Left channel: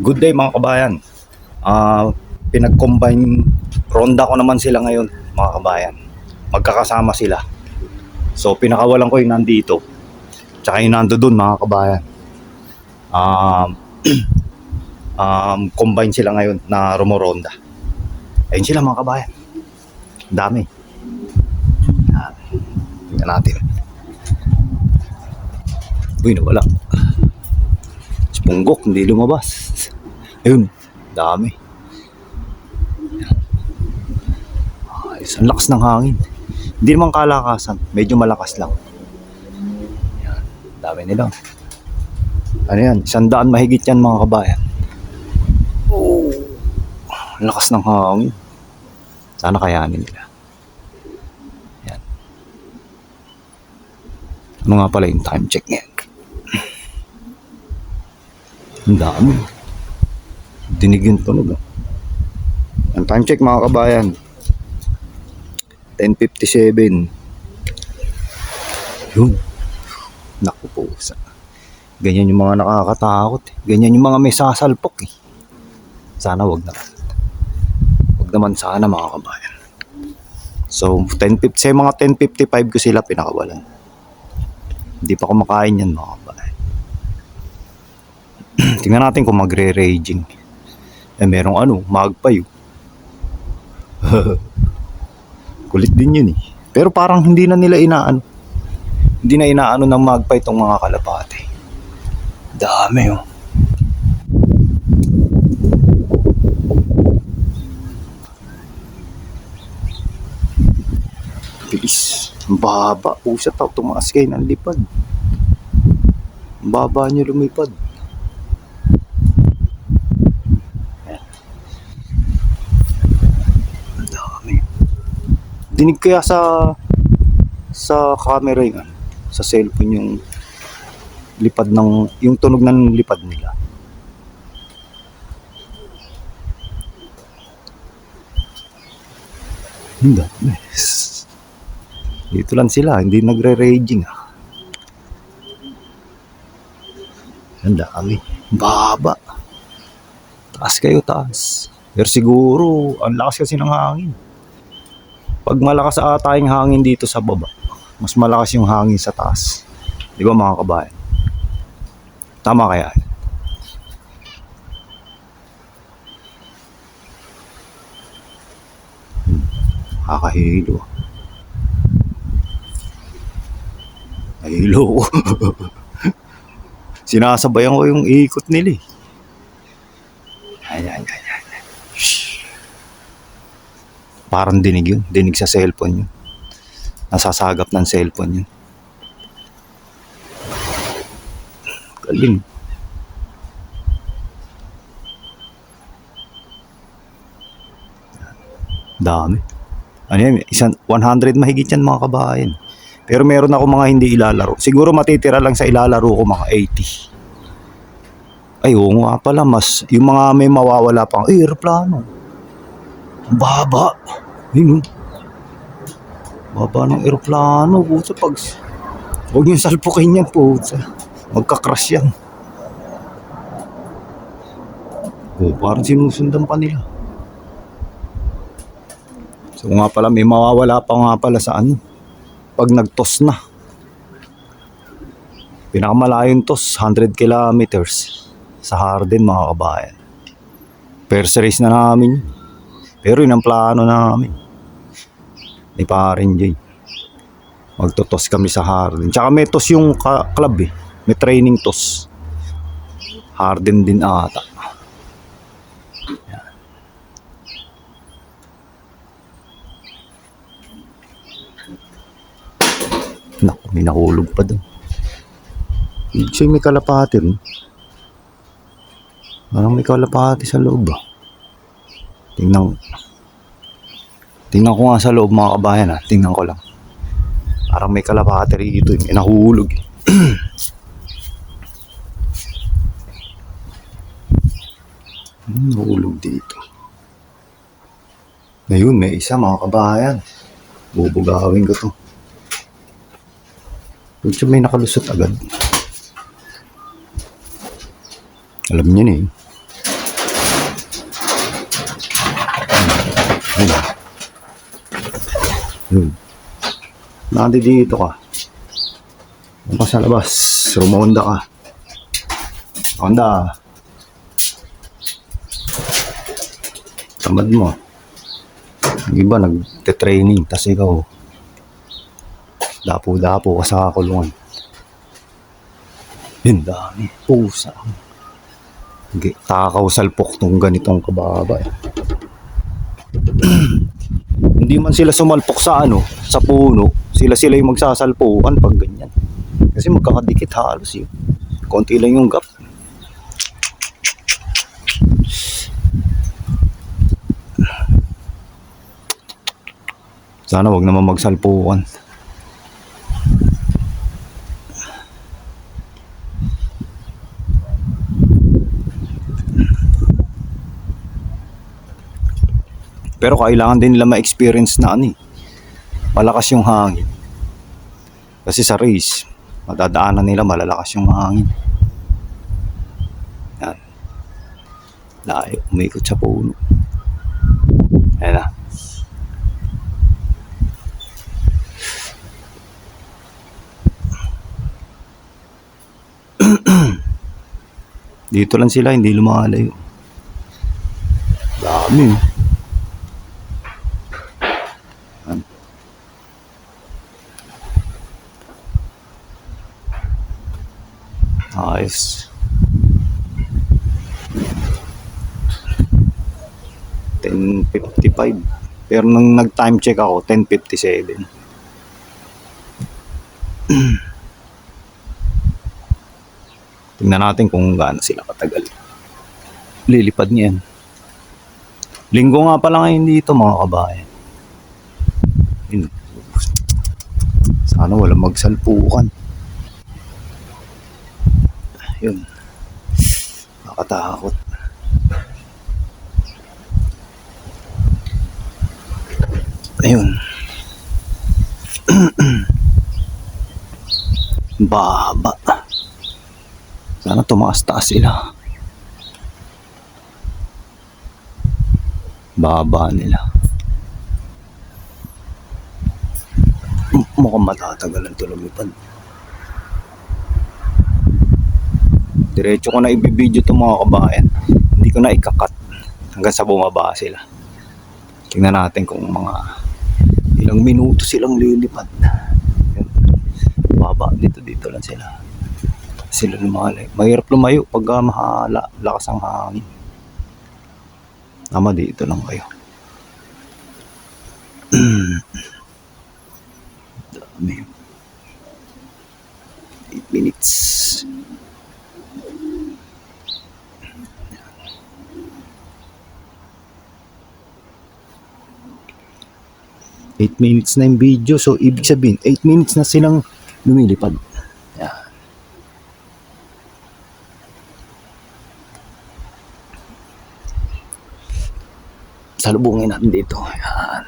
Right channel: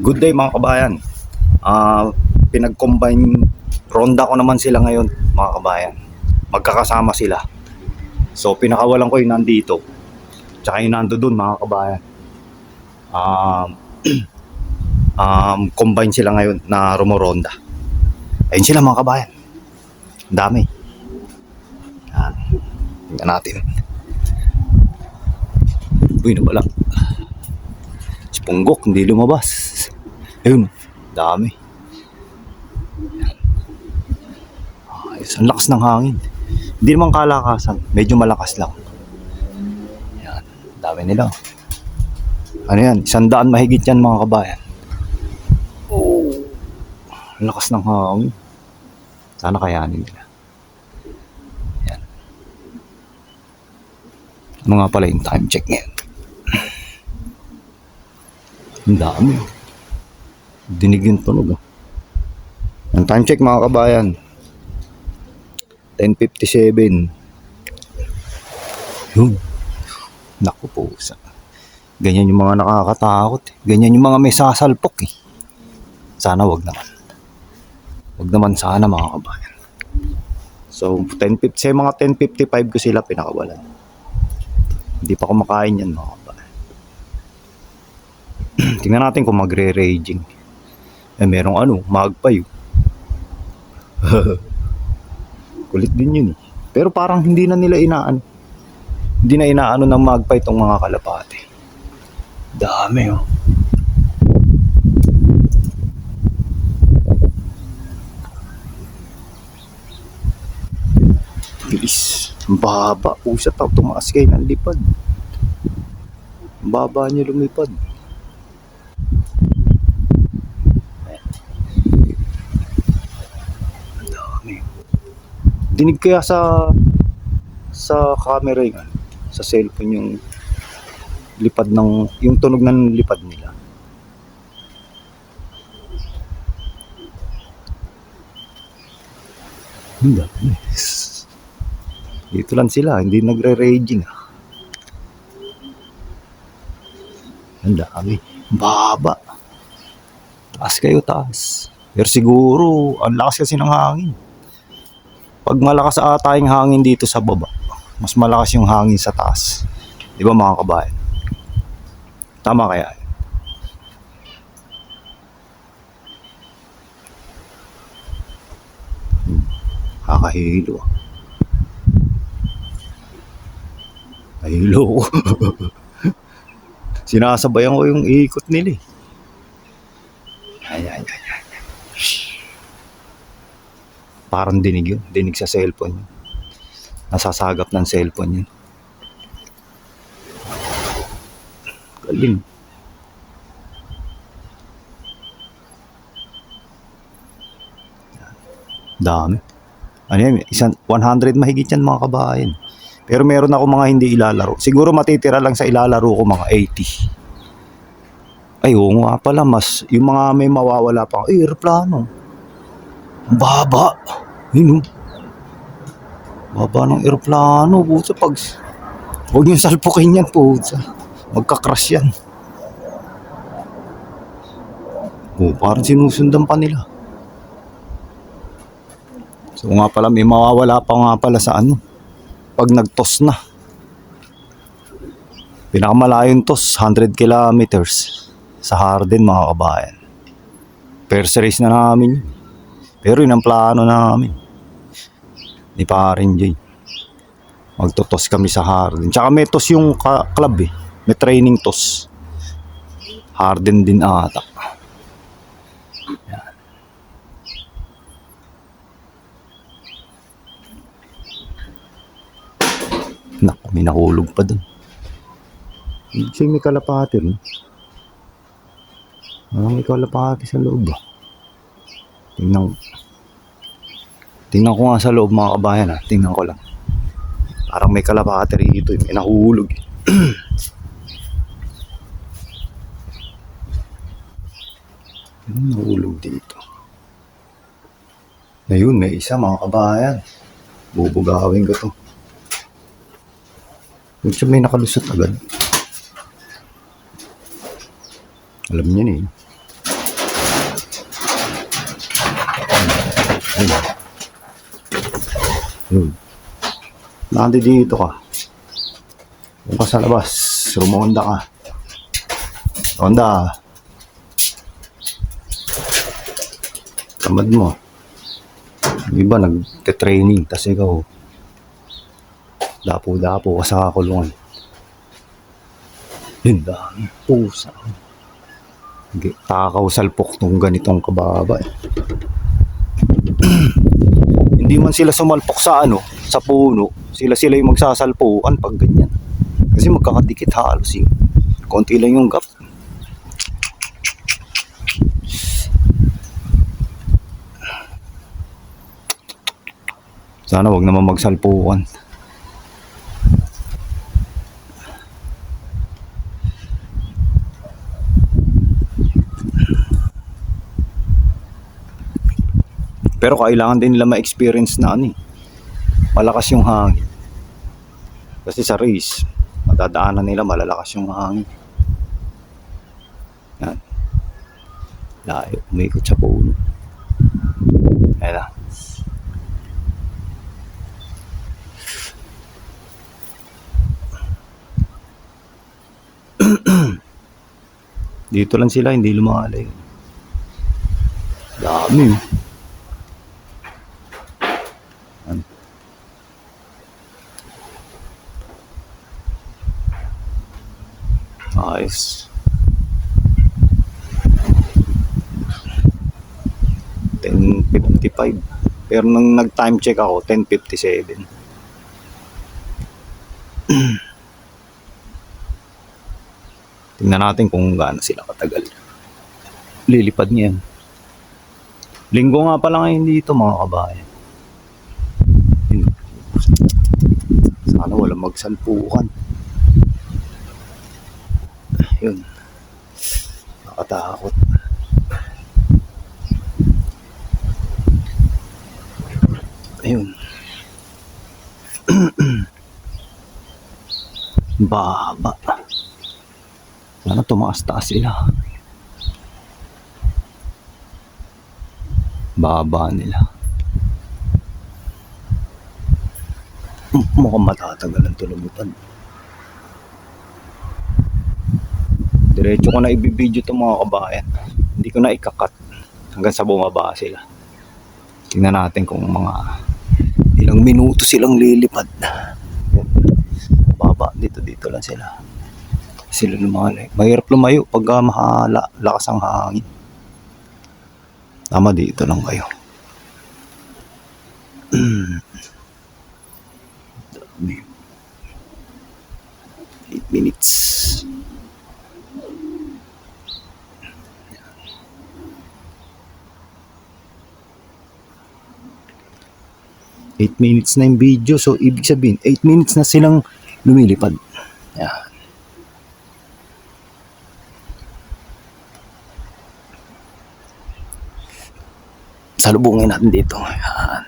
Good day mga kabayan. Pinag-combine ronda ko naman sila ngayon mga kabayan. Magkakasama sila. So pinakawalan ko yung nandito. Tsaka yung nando dun mga kabayan. Um, Combine sila ngayon na rumoronda. Ayun sila mga kabayan. Ang dami. Yan. Tingnan natin. Uy, nawala. Si Punggok hindi lumabas. Ayun, dami. Ayos, ang lakas ng hangin. Hindi naman kalakasan, medyo malakas lang. Yan, dami nila. Ano yan, 100 mahigit yan mga kabayan. Oh, ang lakas ng hangin. Sana kayanin nila. Yan. Ano nga pala yung time check niya? Ang dami. Dinig yung tunog. Ang time check mga kabayan, 10:57. Yun. Naku po. Ganyan yung mga nakakatakot. Ganyan yung mga may sasalpok eh. Sana wag naman. Wag naman sana mga kabayan. So, sa mga 10:55 ko sila pinakawalan. Hindi pa kumakain yan mga kabayan. Tingnan natin kung magre-raging. Merong magpay. Kulit din yun eh. Pero parang hindi na nila inaano. Hindi na inaano ng magpay itong mga kalapate. Dami oh. Bilis. Ang baba. Usat ako tumaas kayo ng lipad. Ang baba niya lumipad. Ang dami. Dinig kaya sa camera yun, sa cellphone yung lipad ng, yung tunog ng lipad nila. Ang dami. Dito lang sila, hindi nagre-raging. Ang dami. Baba. Taas kayo, taas. Pero siguro, ang lakas kasi ng hangin. Pag malakas ata yung hangin dito sa baba, mas malakas yung hangin sa taas. Di ba mga kabayan? Tama kaya? Kakahilo. Nahilo ko. Sinasabayan ko yung ikot nila eh. Ay. Parang dinig yun. Dinig sa cellphone yun. Nasasagap ng cellphone yun. Galing. Dami. Ano yan? 100 mahigit yan mga kabayan. Pero meron ako mga hindi ilalaro. Siguro matitira lang sa ilalaro ko mga 80. Ay, oo nga pala. Mas, yung mga may mawawala pang aeroplano. Ang baba. Yun o. Baba ng aeroplano. Puta, pag huwag niyong salpukin yan, puta. Magka-crash yan. Parang sinusundan pa nila. So nga pala, may mawawala pa nga pala sa pag nag-toss na. Pinakamalayong toss, 100 kilometers sa Hardin mga kabayan. First race na namin. Pero yun ang plano namin. Di pa rin Jay. Magtutos kami sa Hardin. Tsaka may toss yung club eh. May training toss. Hardin din ata. Yan. Naku, may nahulog pa dun. Siya may kalapati rin. Parang may kalapati sa loob ah. Tingnan ko nga sa loob mga kabayan ha. Tingnan ko lang. Parang may kalapati rito. May nahulog eh. Nahulog dito. Ngayon may isa mga kabayan. Bubugawin ko to. Medyo may nakalusot agad. Alam niya na eh. Yun. Dito ka. Kung ka sa labas, rumonda ka. Ronda. Tamad mo. Yung iba nagte-training, tas ikaw dapo-dapo ka sa kulungan. Yun, dami pusa. Takaw salpok tong ganitong kababa eh. Hindi man sila sumalpok sa sa puno. Sila yung magsasalpukan pag ganyan. Kasi magkakadikit halos yun. Konti lang yung gap. Sana wag naman magsalpukan. Pero kailangan din nila ma-experience na malakas yung hangin. Kasi sa race, madadaanan nila malalakas yung hangin. Yan. Layo, umikot sa puno. Ayan na. Dito lang sila, hindi lumalayo. Dami. Ayos. 10:55. Pero nung nag-time check ako, 10:57. Tingnan natin kung gaano sila katagal. Lilipad niyan. Linggo nga pala ngayon dito mga kabayan. Sana walang magsalpukan. Yun. Nakatakot. Ayun. Baba. Sana tumaas-taas sila. Baba nila. Mukhang matatagalan ito lumipad. Diretso ko na ibibideo itong mga kabayan. Hindi ko na ikakat hanggang sa bumaba sila. Tingnan natin kung mga ilang minuto silang lilipad. Baba, dito lang sila. Sila lumalay. Mahirap lumayo pag lakas ang hangin. Tama, dito lang kayo. Dami. 8 minutes. Eight minutes na yung video, so ibig sabihin 8 minutes na silang lumilipad. Yan. Salubungin natin dito. Yan.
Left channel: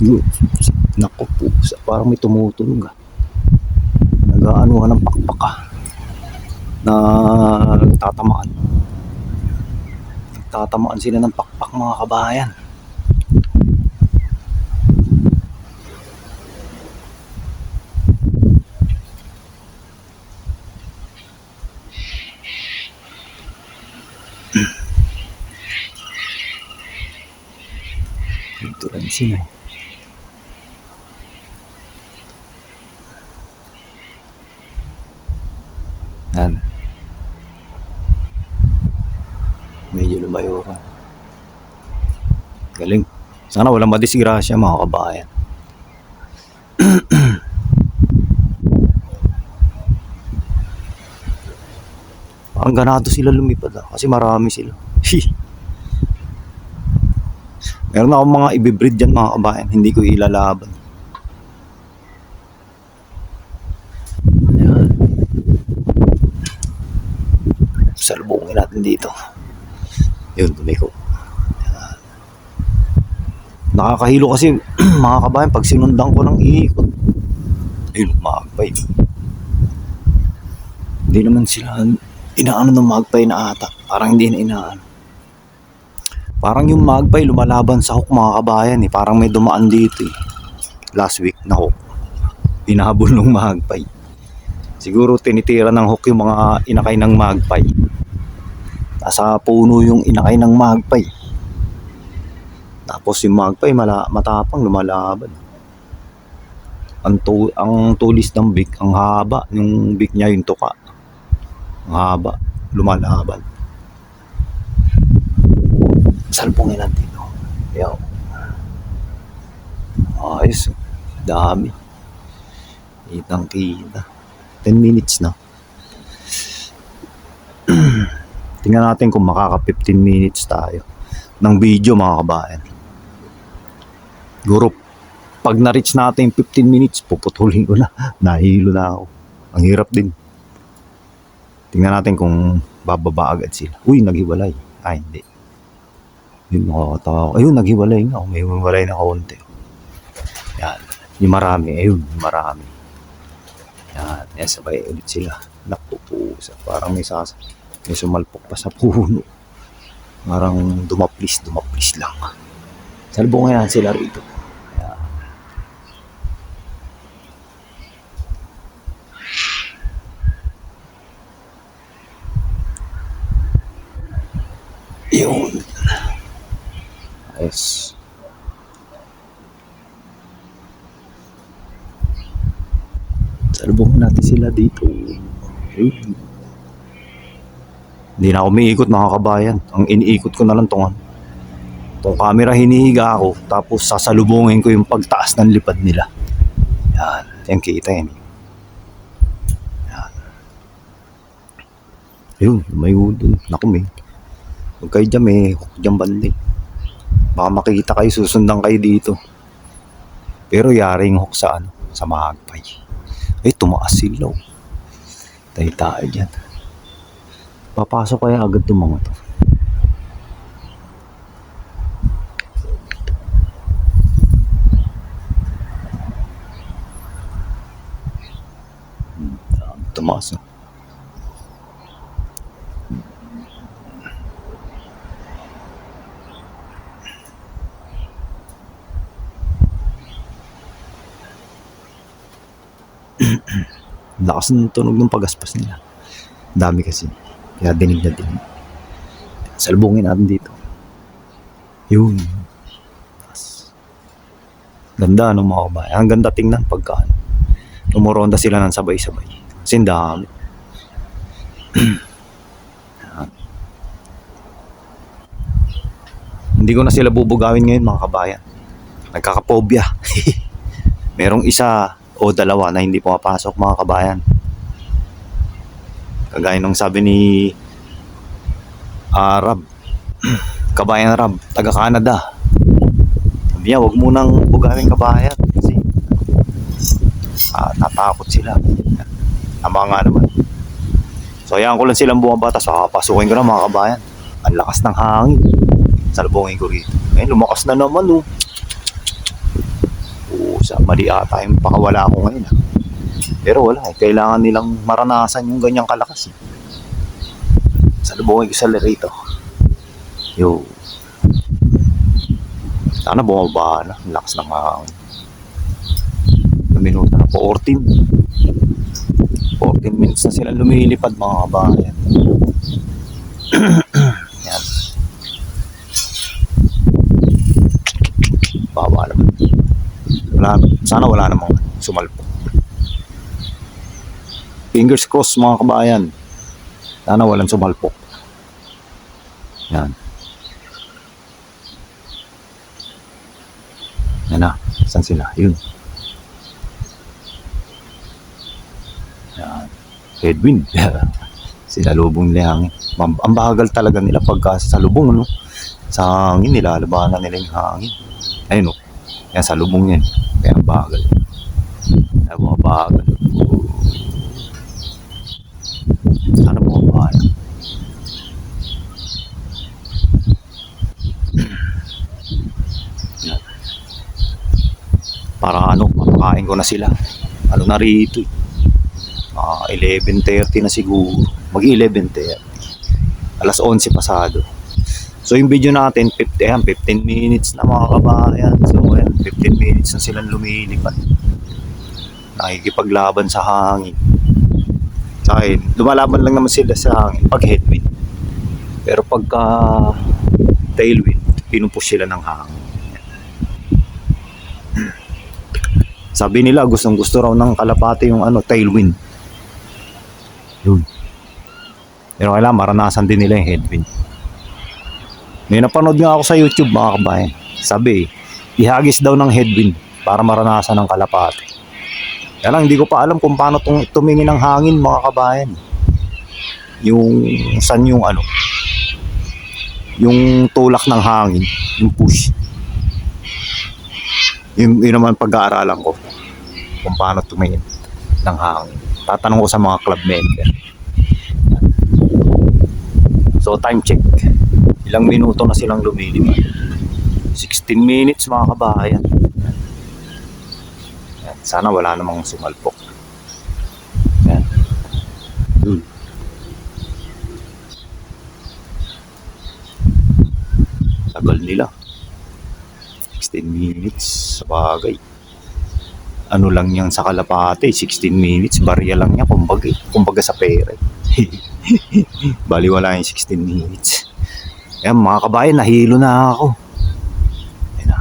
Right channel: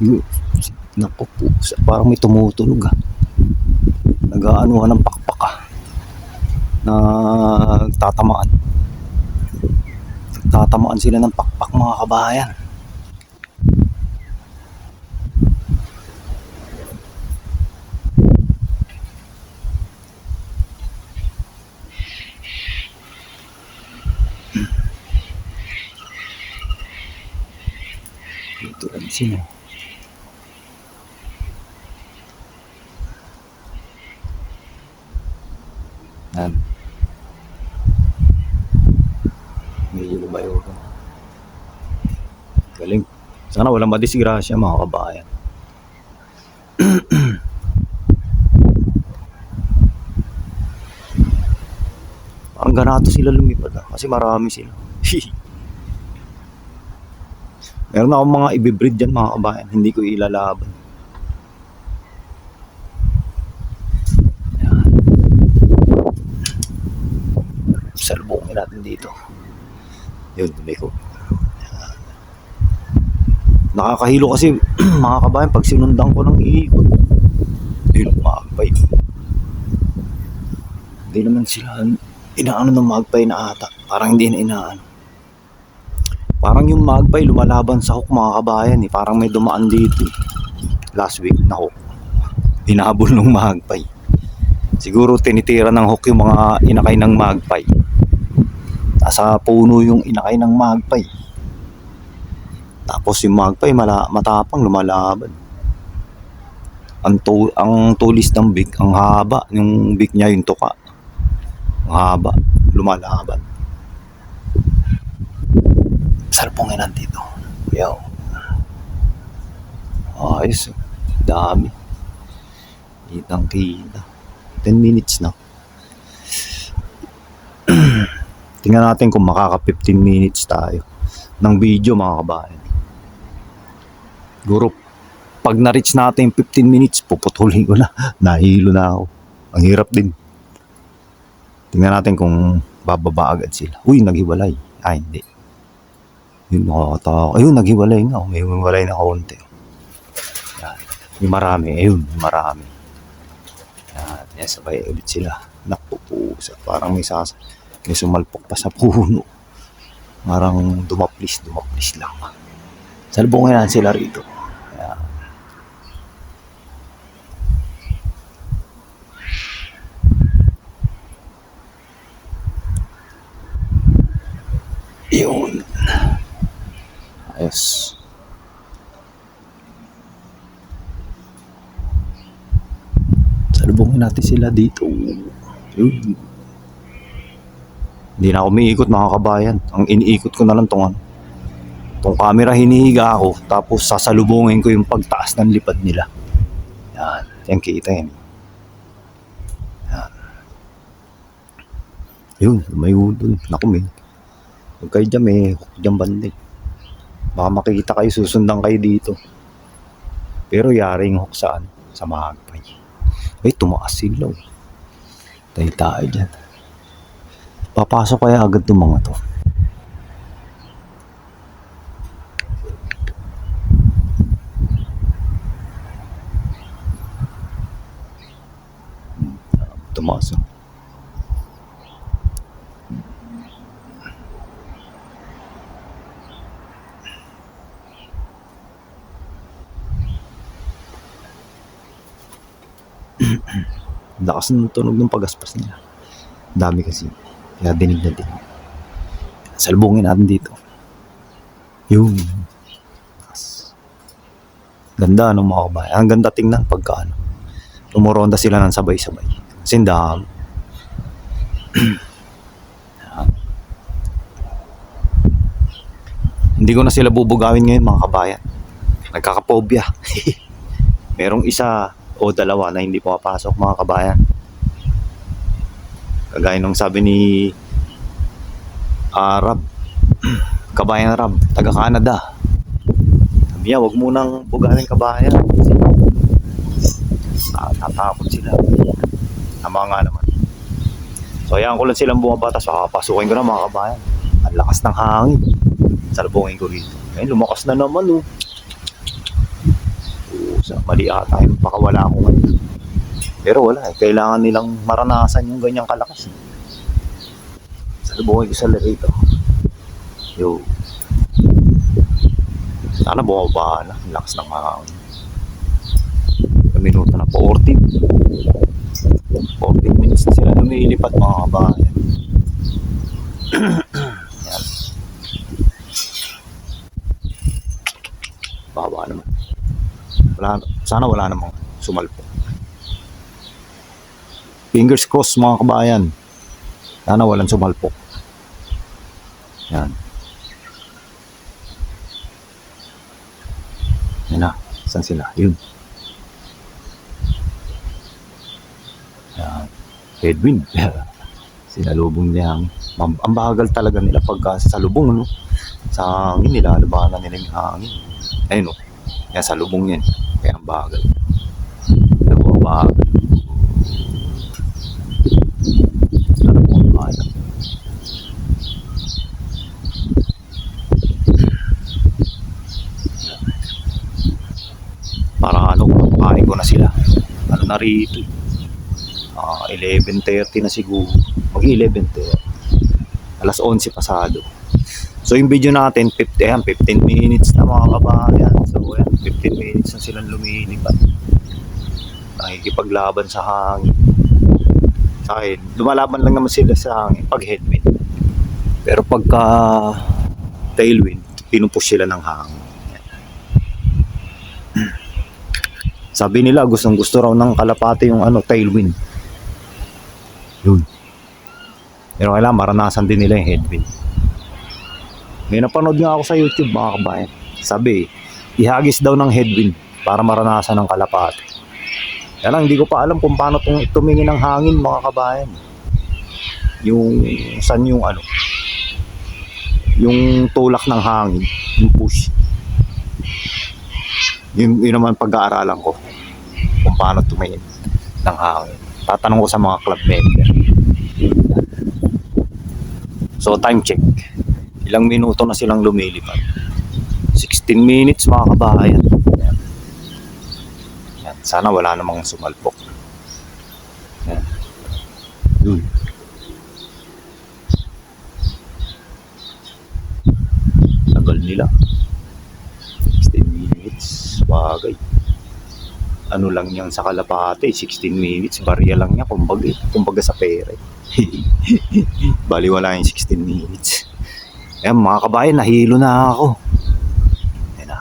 Yun. Naku po, parang may tumutunog nag-aano ng pakpaka na tatamaan sila ng pakpak mga kabayan. Ito lang sila. Yan. Medyo lumayo ka. Galing. Sana walang madisgrasya mga kabayan. Ang ganato sila lumipad kasi marami sila. Meron akong mga ibibreed dyan mga kabayan. Hindi ko ilalaban. Ayan. Salubungin natin dito. Yun, tumiko. Nakakahilo kasi mga kabayan pag sinundan ko ng iikot. Ayun, magpay. Hindi naman sila inaano ng magpay na ata. Parang hindi na inaano. Parang yung magpay lumalaban sa hook mga kabayan eh. Parang may dumaan dito eh. Last week na hook. Hinahabol ng magpay. Siguro tinitira ng hook yung mga inakay ng magpay. Nasa puno yung inakay ng magpay. Tapos yung magpay matapang lumalaban. Ang tulis ng beak, ang haba. Yung beak niya yung tuka. Ang haba. Lumalaban. Salpongin natin dito. Yaw. Ayos. Dami. Kitang kita. 10 minutes na. Tingnan natin kung makaka 15 minutes tayo ng video mga kabayan. Siguro pag na-reach natin 15 minutes, puputulin ko na. Nahilo na ako. Ang hirap din. Tingnan natin kung bababa agad sila. Uy, naghiwalay. Ay, hindi. Yun, nakakatawa. Ayun, naghiwalay nga. May hiwalay na kaunti. Yan. Yung marami. Ayun, yung marami. Yan. Yan, sabay ulit sila. Napupusa. Parang may sumalpok pa sa puno. Parang dumaplis lang. Salbungin na sila rito. Yan. Yun. Yes. Salubungin natin sila dito. Yun. Hindi na ako umiikot mga kabayan. Ang iniikot ko na lang tong camera, hinihiga ako. Tapos sasalubungin ko yung pagtaas ng lipad nila. Yan. Yung kita yun. Yan. Ayun. May udon. Naku may. Huwag kayo dyan, may hook dyan bandi. Baka makikita kayo, susundan kayo dito. Pero yari yung hook sa magpay. Ay, tumaas sila. Tayo dyan. Papasok kaya agad itong mga to. Tumaas na. Lakas ng tunog ng pagaspas nila. Dami kasi. Kaya dinig na dinig. Salbungin natin dito. Yun. Ganda ng mga kabayan. Ang ganda tingnan pagka tumuronda sila ng sabay-sabay. Kasi dami. Hindi ko na sila bubugawin ngayon mga kabayan. Nagkakapobya. Merong isa o dalawa na hindi pumapasok mga kabayan. Kagaya nung sabi ni Arab, kabayan Arab, taga Canada. Sabi niya, huwag munang bugawin kabayan kasi natakot sila. Tama nga naman. So ayan ko lang silang bumabata. So pasukin ko na mga kabayan. Ang lakas ng hangin. Salubungin ko rito. Ayun, lumakas na naman oh. Sa mali ata yung pakawala ko ngayon. Pero wala eh. Kailangan nilang maranasan yung ganyang kalakas eh. Salubungin ko sa rito. Yo. Sana bumaba na. Lakas ng hangin. Minuto na po 14 minutes na sila lumilipad mga kabayan. Yan. Baba naman. Sana wala namang sumalpo. Fingers crossed mga kabayan. Sana walang sumalpo. Yan. Yan na. Saan sila? Yun. Yan. Headwind. Sinalubong nila hangin. Ang bagal talaga nila pagka sa lubong, no? Sa hangin, nilalabanan nila yung hangin. Ayun, no? Yan, sa lubong yan. Kaya ang bagal. Bagal. Sana po bagal. Parang kain ko na sila. Na rito. 11:30 na siguro. Mag 11:30. Alas 11 pasado. So yung video natin, 15 minutes na mga kabayan. So well, 15 minutes na silang lumilipad. Nakikipaglaban sa hangin. Sa akin, lumalaban lang naman sila sa hangin pag headwind. Pero pagka tailwind, pinupush sila ng hangin. Sabi nila gustong gusto raw ng kalapate yung tailwind. Yun. Pero kailangan maranasan din nila yung headwind. May napanood nga ako sa YouTube mga kabayan. Sabi, ihagis daw ng headwind para maranasan ng kalapate. Yan lang, hindi ko pa alam kung paano tumingin ng hangin mga kabayan. Yung saan yung yung tulak ng hangin, yung push. Yun naman pag-aaralan ko kung paano tumingin ng hangin. Tatanong ko sa mga club member. So time check. Ilang minuto na silang lumilipad. 16 minutes mga kabayan. Yan. Yan. Sana wala namang sumalpok. Yan. Yun. Tagal nila. 16 minutes. Bagay. Ano lang yan sa kalapate, 16 minutes. Barya lang niya, kumbaga sa pera. Baliwala yung 16 minutes. Ayan mga kabayan, nahilo na ako. Ayan na.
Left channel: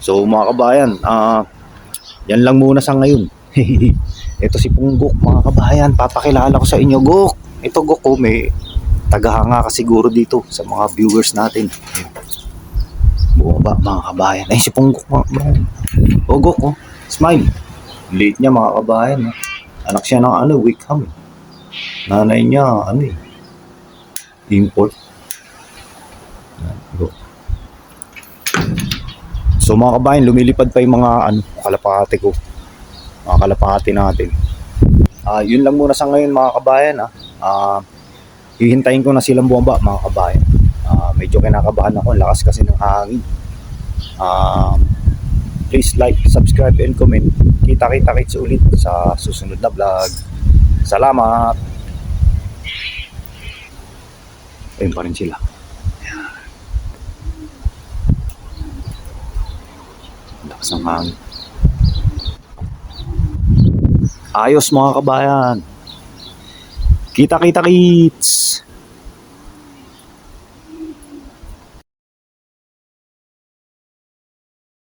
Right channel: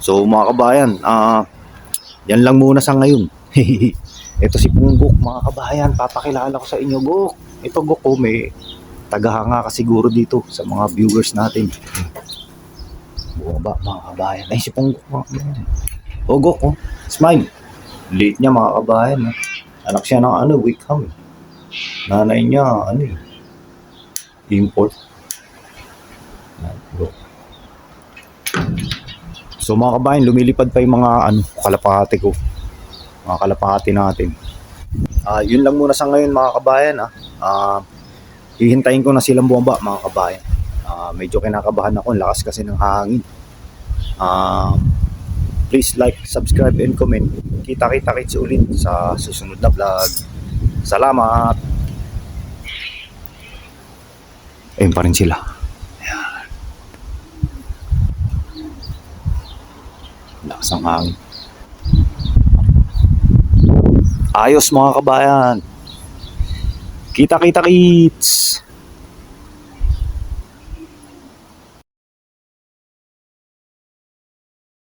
So mga kabayan, yan lang muna sa ngayon. Ito si Punggok mga kabayan, papakilala ko sa inyo. Gok! Ito Gok ko, may tagahanga ka siguro dito sa mga viewers natin. Buo ba mga kabayan? Ay si Punggok mga kabayan. O Gok, smile. Late niya mga kabayan. Anak siya ng Wickham. Nanay niya, import. So mga kabayan, lumilipad pa yung mga kalapate ko. Mga kalapate natin. Yun lang muna sa ngayon mga kabayan. Hihintayin ko na silang bumaba mga kabayan. Medyo kinakabahan ako, lakas kasi ng hangin. Please like, subscribe, and comment. Kita-kits ulit sa susunod na vlog. Salamat! Ayun pa rin sila. Ayan. Lakas ng hangin. Ayos mga kabayan. Kita-kits!